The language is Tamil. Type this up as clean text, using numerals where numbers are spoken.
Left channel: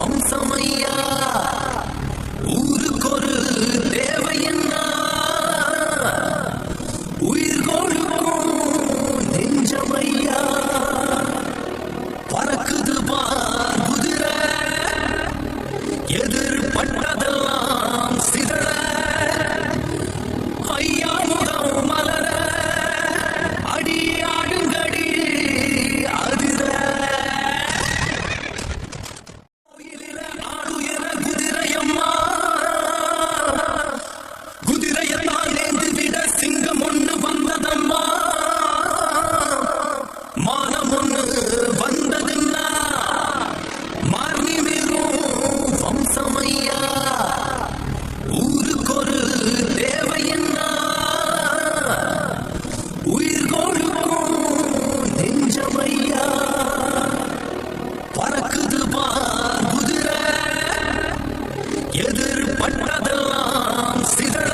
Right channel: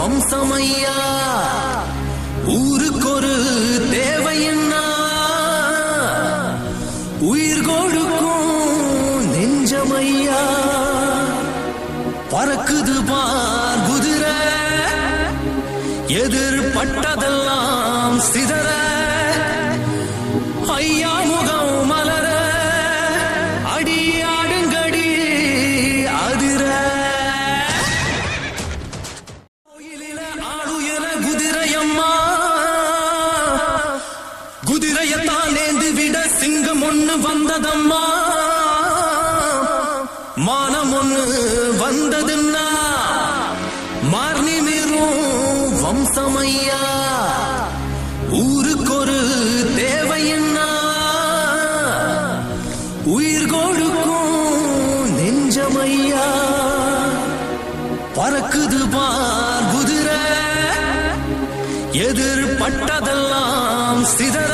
வம்சமையா ஊருக்கொரு தேவை என்ன உயிர் கொடுக்கும் நெஞ்சமையா பறக்குது பார் குதிரை எதிர்பட்டதெல்லாம் சிதற ஐயா முகம் மலர அடியாடுங்கடி அதிர ஆளுயர குதிரையம்மா குதிரையத்தான் நேர்ந்து விட சிங்கம் ஒண்ணு வந்ததம்மா மானம் ஒண்ணு வந்ததுன்னா மார்னி வீரும் வம்சமையா ஊருக்கொரு தேவை என்ன உயிர் கொடுக்கும் நெஞ்சமையா பறக்குது பார் குதிரை எதிர்பட்டதெல்லாம் சிதற